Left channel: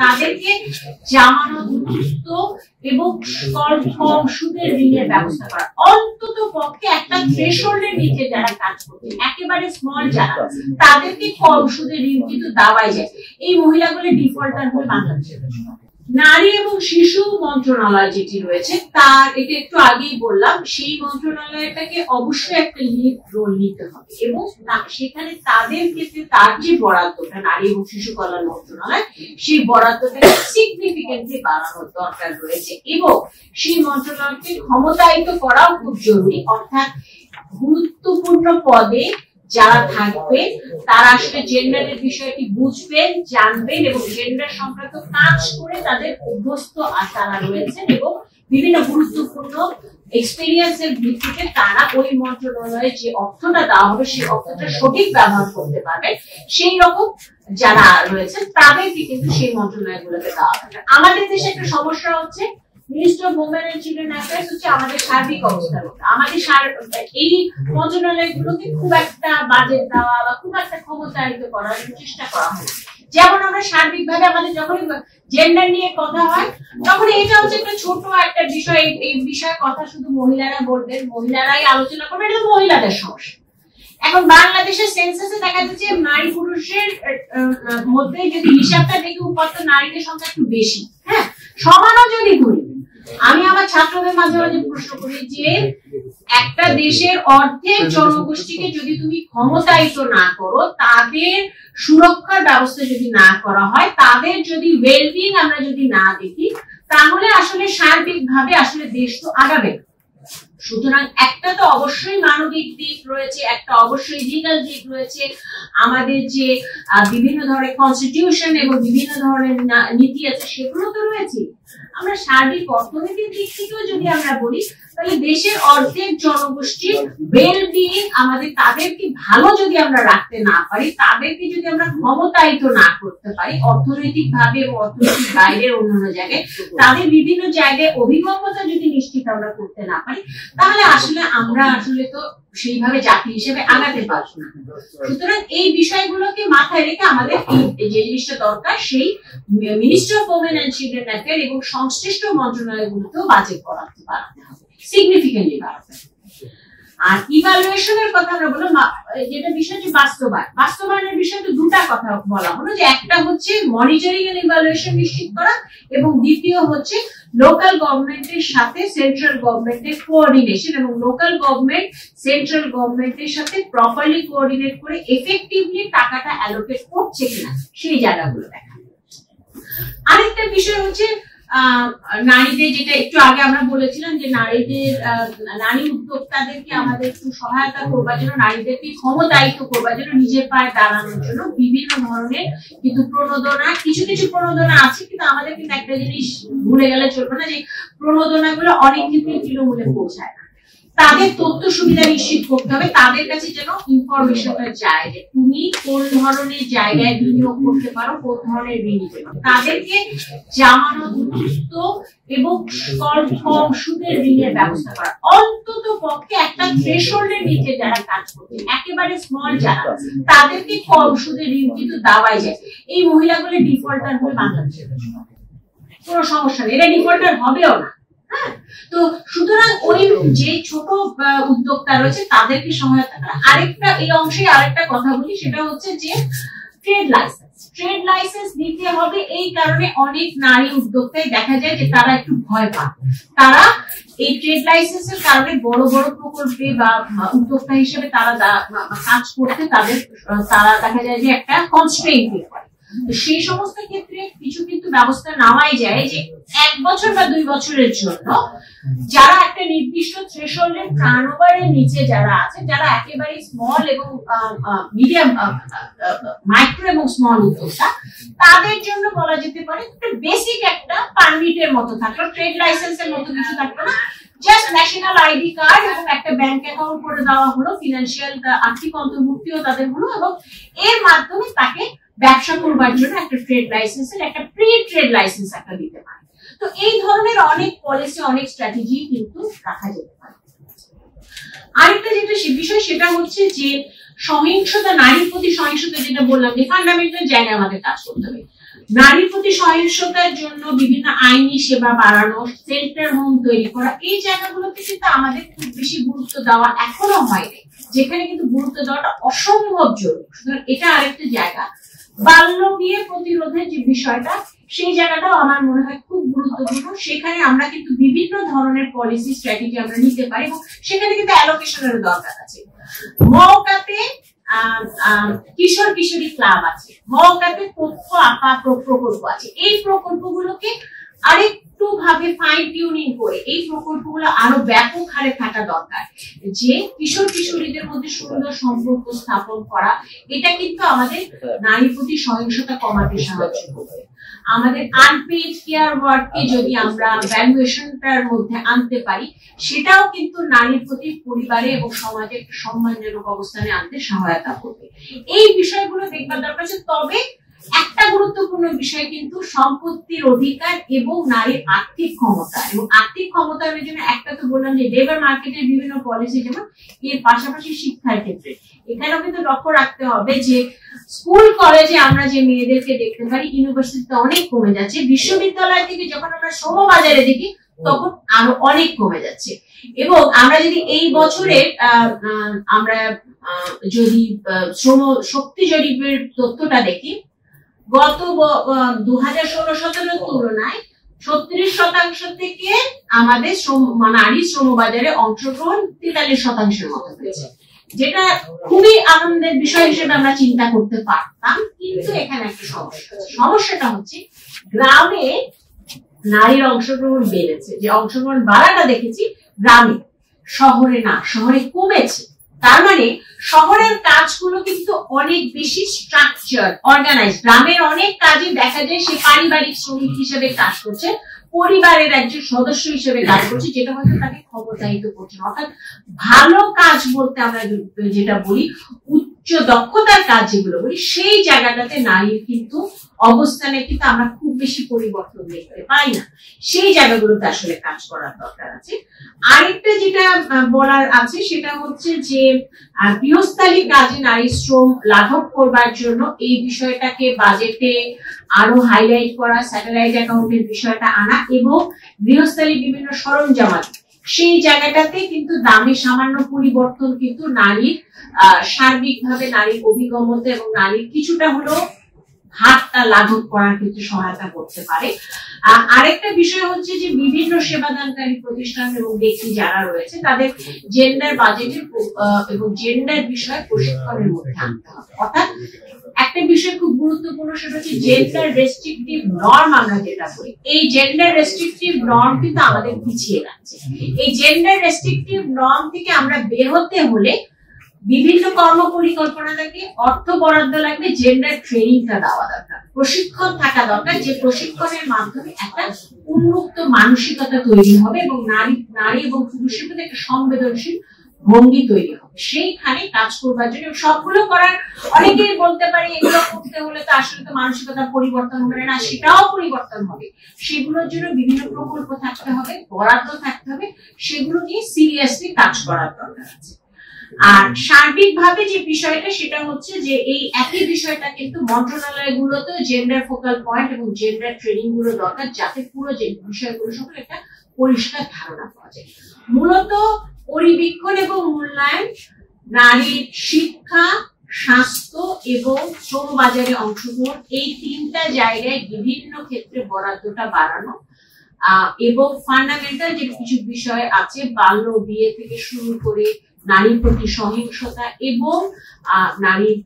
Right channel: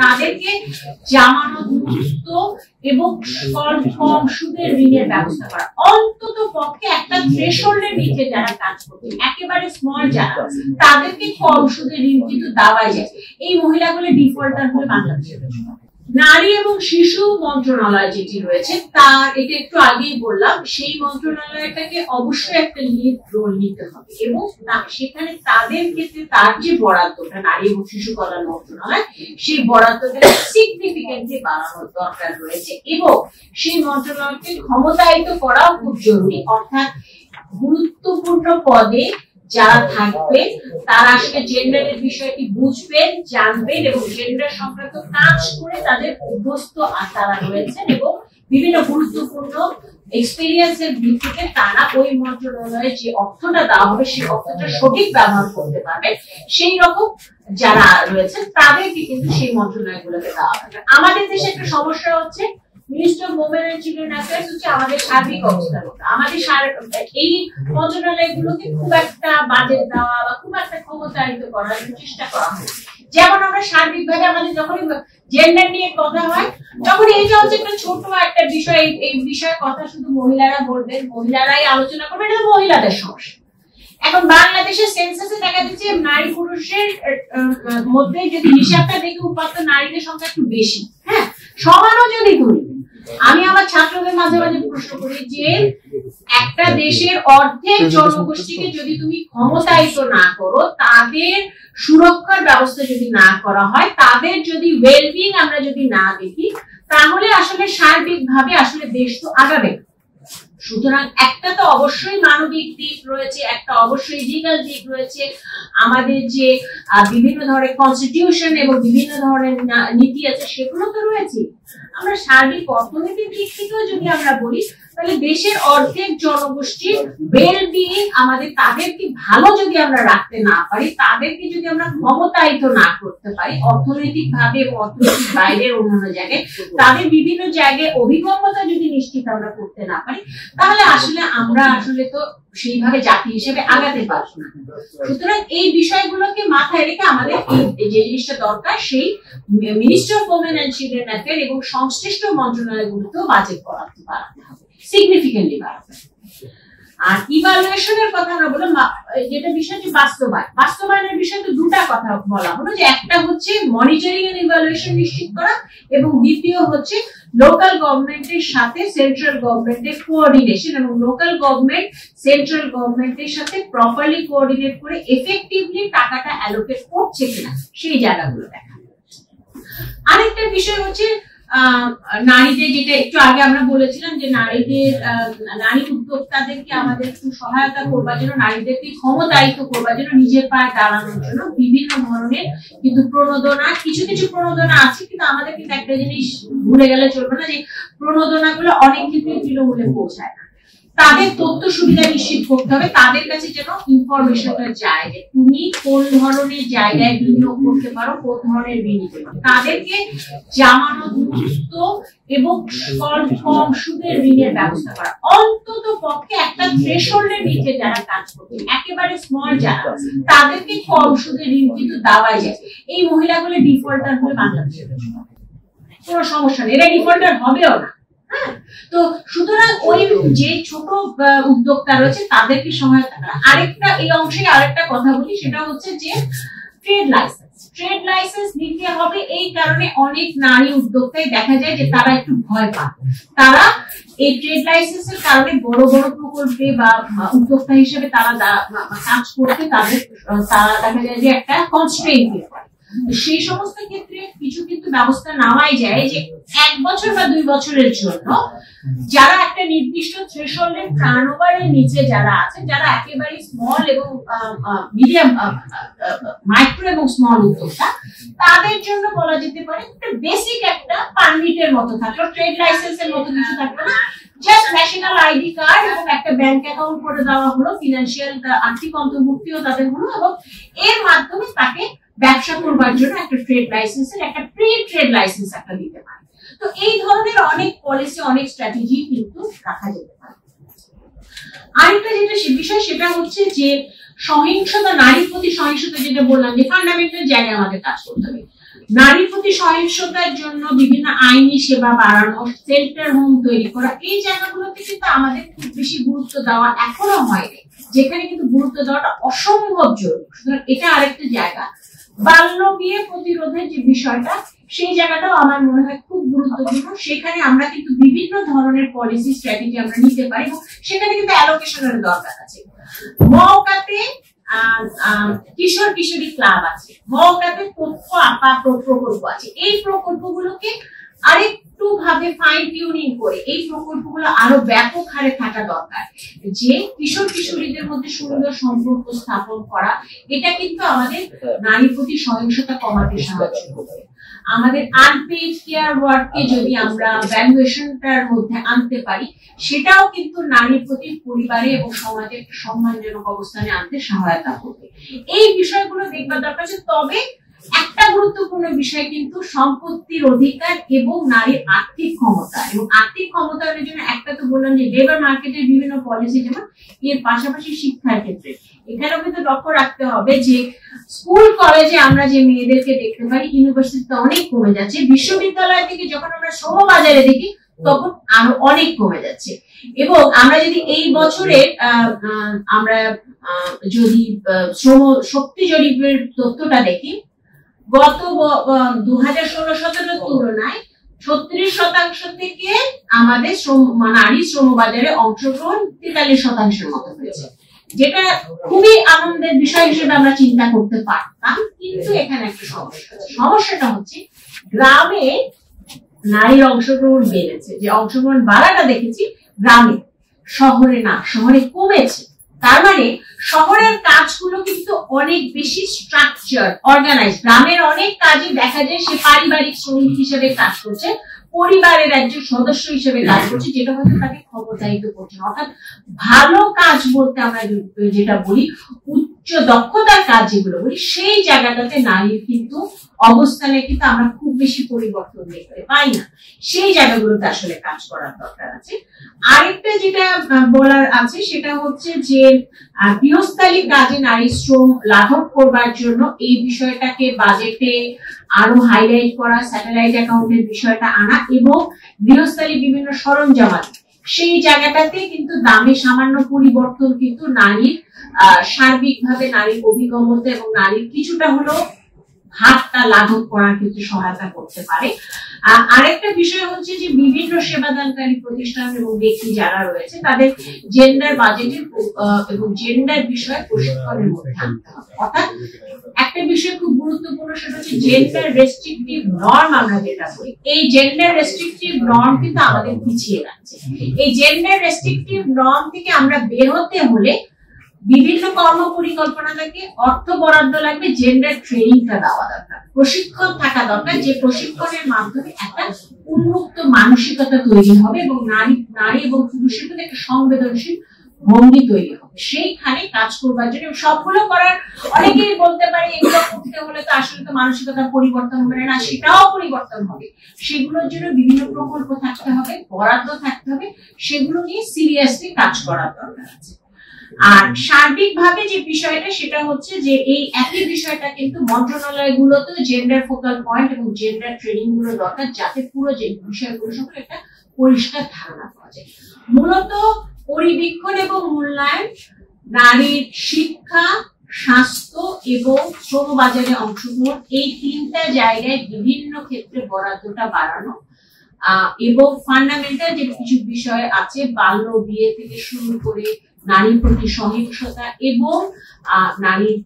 তাদেরকে জামানত মুক্ত এবং কম সুদের ঋণের ব্যবস্থা করা, অন্তত পক্ষে একটা থ্রেশহোল্ডের নিচে যারা কাজ করছে, একেবারে স্মল যারা, তাদেরকে কম সুদের ঋণ কিন্তু দেওয়াই যায়। এই মহিলাগুলো ডিফল্টার হয়ে বাংলাদেশে। নারী এবং শিশু মন্ত্রণালয় যেটি রয়েছে তার, এটা একটু আগেই বললাম, সেই মন্ত্রণালয়টাকে অবশ্যই একটা লিড রোল নিতে হবে এবং সেখানে তাদের ক্ষেত্রে তার যে বরাদ্দটা নারী এবং শিশু কল্যাণ মন্ত্রণালয়, সেই বরাদ্দটা সিগনিফিকেন্টলি বাড়ানোর দরকার রয়েছে এবং সেই মন্ত্রণালয়কে ক্ষমতায়িত করাও খুব জরুরি। অর্থাৎ গুরুত্বপূর্ণ পদে যারা থাকবেন তারা আসলে জেন্ডারের বিষয়টি বুঝবেন, জানবেন এবং জেন্ডার সংক্রান্ত কাজ করে তাদের অভ্যস্ত তারা রয়েছেন এবং বিভিন্ন গুরুত্বপূর্ণ এক্সপেরিয়েন্সের ভিত্তিতে তারা ওই মন্ত্রণালয়ে যে অর্থটা দেওয়া হবে সেই অর্থটা সঠিক ব্যবহার করতে পারবে, সেই রকম যারা রয়েছেন তাদেরকে কিন্তু সেই মন্ত্রণালয়গুলোকে দেওয়া হবে। আমাদের দেশে একটা সমস্যা হচ্ছে minister of women and children affairs হচ্ছে আমাদের সার্বিক অবস্থার মতো। আমাদের এই মন্ত্রণালয়গুলোকে খুব একটা বাজেট দেওয়া বা খুব একটা ক্ষমতায়িত করার চেষ্টা করা হয়। যেমন আমরা সার্বিকভাবে আমাদের যখন জেন্ডার নিয়ে কথা হয় তখন এটা হচ্ছে একটা ছোট একটা বিষয়, এই বিষয়ে কথা শুধু মহিলারা বলবেন, মহিলারাই আলোচনা করবেন, এটা মহিলাদের সমস্যা। এখন বাংলাদেশের সেন্সাসে দেখা যাচ্ছে নারী পুরুষের মধ্যে যদি হিসাবটা দেখে উপাত্ত নারীদের সংখ্যা একটু বেশি, হ্যাঁ সমানও যদি ধরি। আমি আমার ছাত্রদের মাঝে মাঝে প্রশ্ন করি যে একটা দেশের অর্ধেক জনগোষ্ঠীকে যদি তুমি ক্ষমতায়িত না করো, তাদের সুরক্ষার ব্যবস্থা যদি না করা হয়, তাদের যদি ওয়েলবিং আমরা যদি না দেখি, তাহলে আসলে সার্বিকভাবে আসলে দেশ তো আগাবে। সুতরাং একটা তো অবশ্যই মানবিক দিক রয়েছে, একটা অবশ্যই লিগ্যাল দিক রয়েছে, আমাদের যে বিভিন্ন ধরনের কনস্টিটিউশন এবং বিভিন্ন ধরনের নীতি আছে সেগুলো তো রয়েছে। আমরা সার্বিক অর্থনীতির দিক থেকেও যদি আমরা বলি, তাহলে দেশের অর্ধেক জনগোষ্ঠীর ওয়েলবিং আমাদের, তাদেরকে ভালো যদি আমরা রাখতে না পারি, তাদেরকে যদি আমরা ক্ষমতায়িত না করতে পারি অর্থনৈতিক ভাবে এবং অর্থনৈতিক বাইরের অন্যান্য জায়গায়, তাদের বিভিন্ন জায়গায় অভিজ্ঞতা যদি নিশ্চিত আমরা করতে না পারি, তাহলে আসলে আমরা আসলে তো সেইভাবে জাতি হিসেবে আগাতে পারবো না। সুতরাং এই বিষয়গুলোকে মাথায় রেখে আমাদের যে জিনিসটা দরকার, সেই minister of women and children affair এবং সংশ্লিষ্ট মন্ত্রণালয়গুলোতেও বাজেট বাড়াতে হবে, সিগনিফিকেন্টলি বাড়াতে। আর ইভালুয়েশনের কথা আমরা বললাম, যেটা বিষয় যে বাস্তবায়নের বিষয়ে তো দুটা কথা বলা হলো, যে একটা হচ্ছে মনিটরিং এন্ড ইভালুয়েশন নিশ্চিত করা এবং দ্বিতীয় হচ্ছে লোকাল গভর্নমেন্টের সাথে সেন্ট্রাল গভর্নমেন্টের কোঅর্ডিনেশন এবং লোকাল গভর্নমেন্ট সেন্ট্রাল গভর্নমেন্টের সাথে প্রপারলি কোঅর্ডিনেট করে এফেক্টিভলি টাকাটা অ্যালোকেট করছে কিনা সেই জায়গাগুলো দেখা। আরেকটা বিষয় হচ্ছে নারীদের, যেটা একটু আগে আমরা বলেছিলাম যে নারীদের, নারী উদ্যোক্তাদেরকে আমাদের একটু সহায়তা করবার জন্য, নারীদেরকে ক্ষমতায়িত করবার জন্য, নিজের পায়ে দাঁড়ানোর জন্য বিভিন্ন ধরনের কিন্তু প্রণোদনা, কিছু কিছু প্রণোদনা আছে, কিন্তু আমাদের কিন্তু একটা জিনিস ভুলে গেলে চলবে না, যে প্রণোদনা গুলো অনেক ক্ষেত্রে তৃণমূলে পৌঁছায় না। তাদের তথ্য সুবিধা নিশ্চিত করতে হবে, তাদের কাছে যেন ইনফরমেশনটা যায় যে তুমি কোন ধরনের জায়গায় বিনিয়োগ করতে পারো, কোন ধরনের বিনিয়োগ। তাদেরকে জামানত মুক্ত এবং কম সুদের ঋণের ব্যবস্থা করা, অন্তত পক্ষে একটা থ্রেশহোল্ডের নিচে যারা কাজ করছে, একেবারে স্মল যারা, তাদেরকে কম সুদের ঋণ কিন্তু দেওয়াই যায়। এই মহিলাগুলো ডিফল্টার হয়ে বাংলাদেশে কোনো সমস্যা নেই, এরা ডিফল্টার হবেও না। তো সুতরাং ওই যে ছোট উদ্যোক্তা রয়েছে তাদেরকে সহায়তা করা। আরেকটা এই অংশে আরেকটা কথা বলি, সেটা হচ্ছে যে ট্রেড লাইসেন্স দিতে হবে। এই কারণে অনেক নারী উদ্যোক্তায় দেখা যায় যে তারা একটু ভয় পান, তারা এই ট্রেড লাইসেন্সের কারণে বড় বড় প্রকল্পে বা উদ্যোক্তা হিসেবে তারা কাজ করতে তারা দেখা যায় যে একটা কনস্ট্রেইন পায়। সেই সমস্ত ক্ষেত্রে কিছু কিন্তু ব্যবস্থা নেওয়াই যায়, যে 1 বছর বা 2 বছরের জন্য যারা একটা নির্দিষ্ট থ্রেশহোল্ডের টার্নওভারের নিচে যারা আছে, যারা একেবারে স্মল এবং মিডিয়াম, মাইক্রো এবং স্মল উদ্যোক্তা, তাদের জন্য বলা যেতে পারে একটা বেসিক একটা পারমিটের মতো থাকলো, ট্রেড লাইসেন্সের মতো কিছু থাকলো না, জাস্ট ন্যাশনাল আইডি কার্ড এবং একটা ব্যাংক অ্যাকাউন্ট করে দেওয়া হলো, ফিনান্সিয়াল আর্থিক অন্তর্ভুক্তিও তাদের হলো, এবং এর মাধ্যমে তাকে ব্যবসা করবার জন্য একটা ট্রেড লাইসেন্সের একটা প্রি ট্রেড লাইসেন্স একটা দিতে পারে। তো এই ধরনের অনেক পলিসি, অনেক স্ট্র্যাটেজি কিন্তু রাখা যেতে পারে। আরেকটা যেটা বিষয়, সেটা হচ্ছে যে সহিংসতা, নারীর প্রতি সহিংসতা, যেটা বললাম যে ফান্ডামেন্টাল জায়গায় আমাদের কাজ করতে হবে। নারীর প্রতি সহিংসতার জন্য বিভিন্ন আইনি সেবা বাড়ানো, সেন্টার হোম তৈরি করা, এই জায়গাগুলোতে কিন্তু আমাদের খুব বেশি গুরুত্ব দেওয়া এখনো হয়নি, যেখানে কিন্তু গুরুত্ব দেওয়াটা অসম্ভব জরুরি। সুতরাং এটা আরেকটা জায়গা। বাল্য বিয়ে প্রতিরোধের যে বিষয়টা, সেই জায়গাটাও আমার মনে হয় খুব গুরুত্বপূর্ণ। সেখানে আমরা কিন্তু বিভিন্ন ধরনের পলিসি স্ট্র্যাটেজি আমরা নিতে পারি এবং সেখানে কিন্তু অ্যালোকেশনের দরকার আছে। মওকাতে কিশোর কিশোরী ক্লাব আছে, মওকাতে তথ্য আপা প্রকল্প আছে। এই প্রকল্পগুলোকে আরেকটু ভাবে ফাইন টিউনিং করে এই প্রকল্পগুলো আরো ব্যাপক হারে থাকা দরকার, যে কিশোর কিশোরীদের মধ্যে সুন্দর সম্পর্ক স্থাপন করা। এটা কিন্তু আমাদের নারীর প্রতি সহিংসতা কমাতে সাহায্য করবে। আমাদের আনপেইড কেয়ার ওয়ার্ককে যদি আমরা ভ্যালুয়েশনটার মধ্যে আনতে পারি, সেটাও কিন্তু নারীর প্রতি পরিবারে এবং সমাজে একটা সম্মানজনক অবস্থানে আনতে সহায়তা করবে। এই বিষয়গুলো দেখবার দরকার আছে। তবে একটা গুরুত্বপূর্ণ বিষয় কিন্তু সম্পত্তির অধিকার এবং নারীর আর্থিক ক্ষমতা। এবং আর্থিক ক্ষমতায়নের জন্য একটা তো বললাম যে লেবার মার্কেটের বিভিন্ন পলিসি, যেমন এর পাশাপাশি শিক্ষার ক্ষেত্রে এখানেও কিন্তু লক্ষ্য রাখতে হবে যে স্কুল কলেজে আমরা যে মেয়েদেরকে দেখতে পারি, ইউনিভার্সিটিতে অনেক কমে যাচ্ছে। বিশ্ববিদ্যালয় থেকে যখন আমরা শ্রমবাজারে দেখি তখন আরো অনেক কমে যাচ্ছে। এবং আমরা যদি এই বছরের আমরা যদি শ্রম শক্তি জরিপের তথ্যটা দেখি, গত 2016-17 তুলনায় 36% থেকে আমাদের নারী শ্রমবাজারে অংশগ্রহণ 43% মতো হয়েছে, যেটা খুবই আনন্দের বিষয় হিসেবে আমরা চিন্তা করতে পারতাম। কিন্তু এখানে একটা সমস্যা আছে। সমস্যাটা হচ্ছে গ্রামে নারীর অংশগ্রহণ বেড়েছে, যে অংশগ্রহণ বাড়াটা দেখেছি গ্রামে, শহরে না, শহরে কমেছে। তার মানে শহরের কাজগুলো কিন্তু অনেক বেশি স্ট্রাকচার, অর্গানাইজ। গ্রামের অনেক কাজে দেখা যায় সে পারিবারিক শ্রমিক হিসেবে কাজ করছে, পরিবারের একজন সদস্য হিসেবে কাজ করছে, যেটা হয়তো তাকে ক্ষমতায়িত করছে। অর্থাৎ ভালো কাজ বলতে আমরা যেটা বলি, উচ্চ দক্ষতার কাজ যেগুলো বলি, সেই জায়গাটাতে নারীর কিন্তু অবস্থানে কিন্তু আমরা খুব বেশি পরিবর্তন দেখতে পাই না। সেই জায়গাগুলোতে আসলে কাজ করার দরকার আছে। আরেকটা যেটা বলার আছে সেটা হচ্ছে যে গৃহস্থালী কাজে নারী শ্রম লাঘব করবার জন্য এই বিষয়টাকে বাজেটে আরো হাইলাইট করা, স্যাটেলাইট অ্যাকাউন্টের বিষয়টা আনা এবং গৃহস্থালী বিভিন্ন সরঞ্জামাত, সেই জায়গাটাতে কিন্তু দামে সামান্য পরিবর্তন কিন্তু নারীর সার্বিকভাবে নারীর অভিগমতা এবং নারীর কিছুটা হলেও হাতটা লাঘব করার ক্ষেত্রে সহায়তা করতে পারে। আরেকটা বিষয় হচ্ছে যে বিভিন্ন সেবাদানকারী প্রতিষ্ঠান এবং ব্যক্তি যারা রয়েছে তাদের জেন্ডার বাজেটের এবং জেন্ডার বিষয় প্রশিক্ষণের মধ্যে আনতে হবে। অর্থাৎ একটা বিষয় খুব গুরুত্বপূর্ণ, সেটা হচ্ছে জেন্ডার রেস্ট্রিকটিভ নর্ম। আমরা যেটা বলি, এই জেন্ডার রেস্ট্রিকটিভ নর্ম কিন্তু আমাদের পিছিয়ে যাচ্ছে। এই জেন্ডার রেস্ট্রিকটিভ নর্ম থেকে আমরা বের হতে হলে বিভিন্ন কর্ম পরিকল্পনা থেকে অর্থ বরাদ্দ লাগবে, জেন্ডার ট্রেনিংটা দেওয়া দরকার, প্রশিক্ষণ থাকা দরকার, যে প্রশিক্ষণের মাধ্যমে একটা উন্মুক্ত মানসিকতা তৈরি হবে এবং নারী এবং পুরুষের মধ্যে একটা সংবেদনশীল ভঙ্গি তৈরি হবে। সেইখানে কাজ করবার জন্য সবগুলো করার, অনেকেই বলতে পারে এগুলো করতে হলে তো আসলে তো মানসিকতা পরিবর্তন হবে না, সেটাও পরিবর্তন হবে। সেগুলোর জন্য বিভিন্ন প্রকল্প থাকতে হবে, বরাদ্দ থাকতে হবে, সেগুলো নিয়ে সিরিয়াসলি কাজ করার দরকার আছে। আর সার্বিকভাবে যে বিষয়টা সেটা হচ্ছে যে এই একই বিষয়টা কিন্তু মন্ত্রণালয়গুলোতেও জেন্ডার ফোকাল পয়েন্ট এবং জেন্ডার ট্রেনিং গুলো দরকার, যাতে পুরো যে বিষয়গুলো সম্পর্কে একটা পরিষ্কার ধারণা পাওয়া যায়। মূলত পরিবীক্ষণ এবং মূল্যায়ন, নারীর শিক্ষা, স্বাস্থ্য এবং শ্রমবাজারে অংশগ্রহণ, এই তিনটা জায়গায় বিভিন্ন ক্ষেত্রে বরাদ্দটা বাড়ানো এবং ফান্ডামেন্টাল যে কিছু বিষয় আছে, বাল্য বিয়ে থেকে শুরু করে নারীর প্রতি সহিংসতা এবং নারীর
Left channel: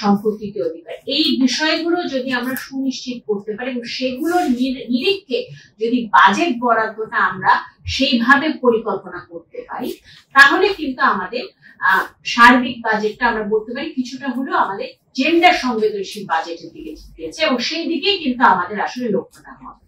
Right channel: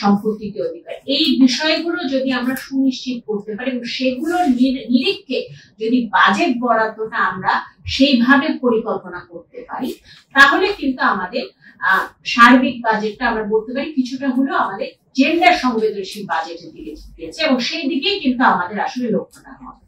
সম্পত্তিতে অধিকার, এই বিষয়গুলো যদি আমরা সুনিশ্চিত করতে পারি এবং সেগুলোর নিরীক্ষে যদি বাজেট বরাদ্দটা আমরা সেইভাবে পরিকল্পনা করতে পারি, তাহলে কিন্তু আমাদের সার্বিক বাজেটটা আমরা বলতে পারি কিছুটা হলেও আমাদের জেন্ডার সংবেদনশীল বাজেটের দিকে গিয়েছে এবং সেই দিকেই কিন্তু আমাদের আসলে লক্ষ্যটা হবে।